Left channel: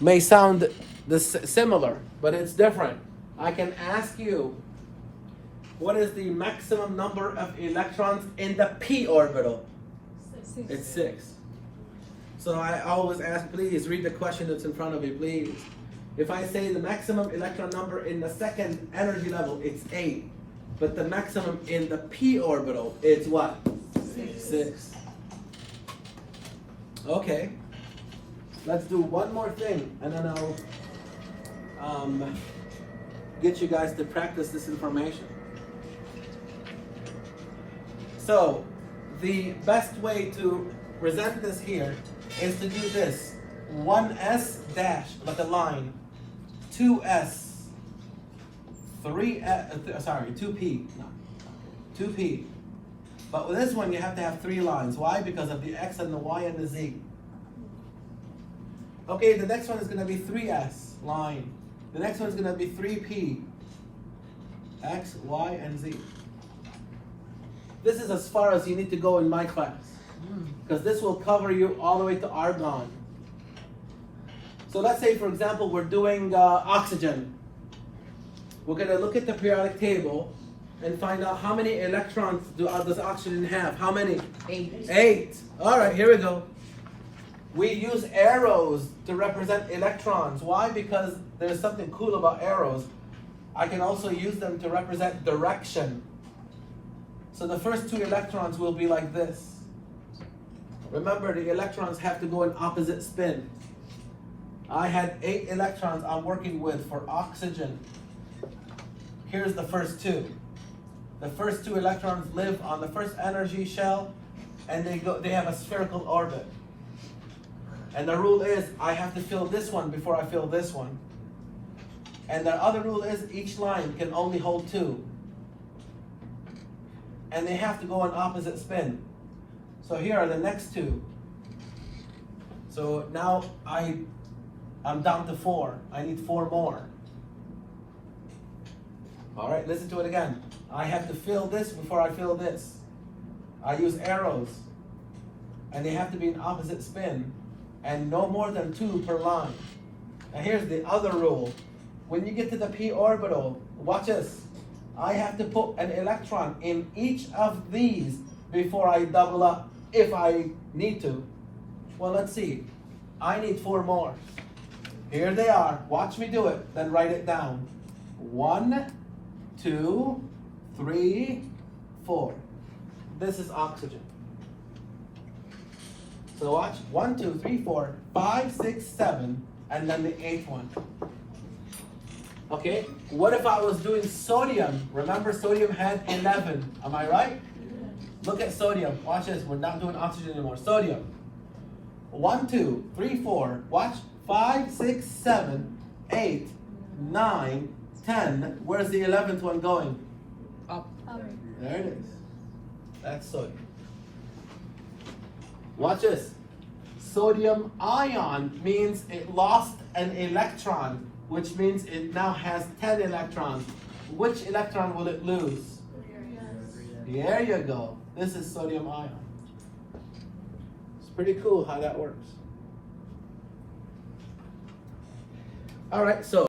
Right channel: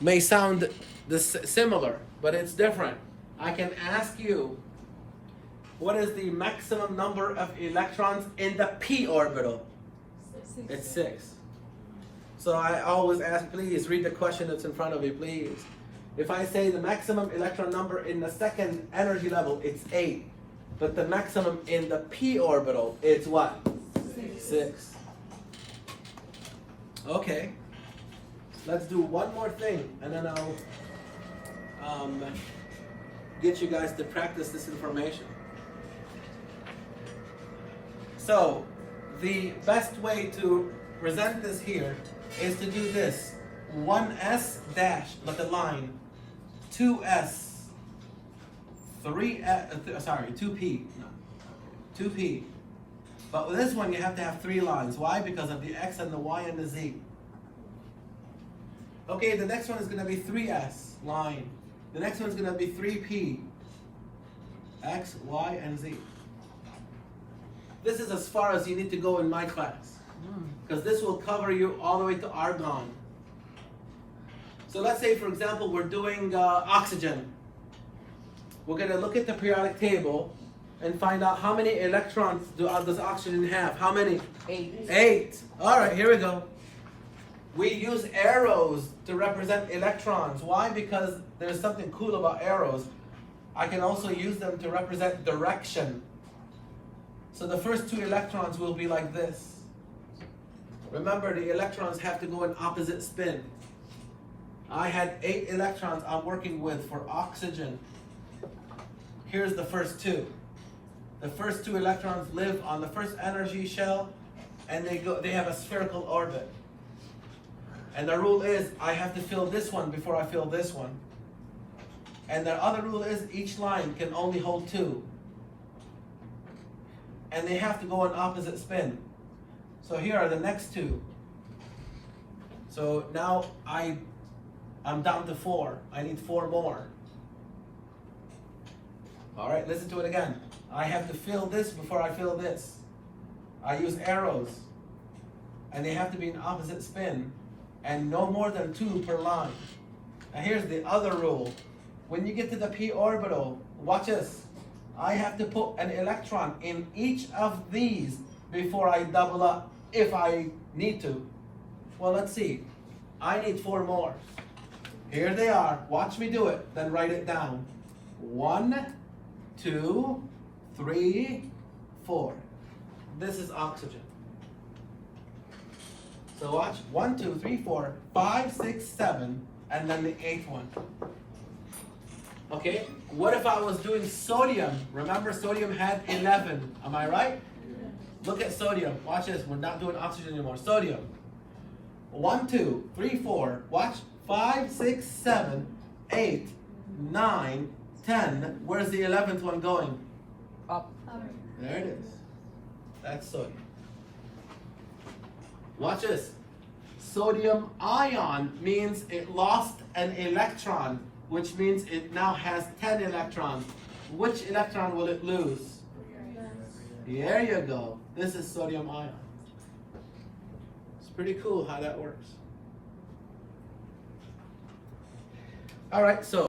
may sound similar, but it's different. I can ask you, what is the maximum number of electrons in the p orbital? It's 6. So I always ask, please read the question that's in front of you, please. If I say the maximum electron number in the second energy level, it's 8. But the maximum in the p orbital, it's what? 6. Okay. Let's do one more thing, and then I'll get you guys to practice this information. So, the best way to present this here is to do this. 1s dash, like a line, 2s, 2p, no, 2p. But with this one, you have to have 3 lines. Why? Because of the x and the y and the z. Okay, the next one is going to be 3s line. The next one is going to be 3p, x, y, and z. This is as far as you need to go in my class, because this will cover you all the way to argon. So let's say, for example, we're doing oxygen. We're going to look at the periodic table and find out how many electrons does oxygen have. How many? 8. 8. All right, here we go. We use arrows to represent electrons. Why? Because there's something cool about arrows. I can also use them to represent direction. So the first 2 electrons will be like this. Remember, the electrons have to go in opposite spin. I had 8 electrons I'm working with for oxygen. Here's the first 2. The first 2 electrons live on the first energy shell, and they have a spherical orbit. And the rule is I have to fill this one before I fill this one. And the other rule is each line can only hold 2. And they have to go in opposite spin. So here are the next 2. So now I'm down to 4. I need 4 more. All right, listen to it again. I have to fill this before I fill this. I use arrows, and they have to be in opposite spin, and no more than 2 per line. Now here's the other rule. When you get to the p orbital, watch this. I have to put an electron in each of these before I double up, if I need to. Well, let's see. I need 4 more. Here they are. Watch me do it, then write it down. 1, 2, 3, 4. This is oxygen. So watch. 1, 2, 3, 4, 5, 6, 7, and then the 8th one. Okay, what if I was doing sodium? Remember, sodium had 11. Am I right? Look at sodium. Watch this. We're not doing oxygen anymore. Sodium. 1, 2, 3, 4. Watch. 5, 6, 7, 8, 9, 10. Where's the 11th one going? Up. There it is. That's sodium. Watch this. Sodium ion means it lost an electron, which means it now has 10 electrons. Which electron will it lose? There you go. This is sodium ion. It's pretty cool how that works. All right, so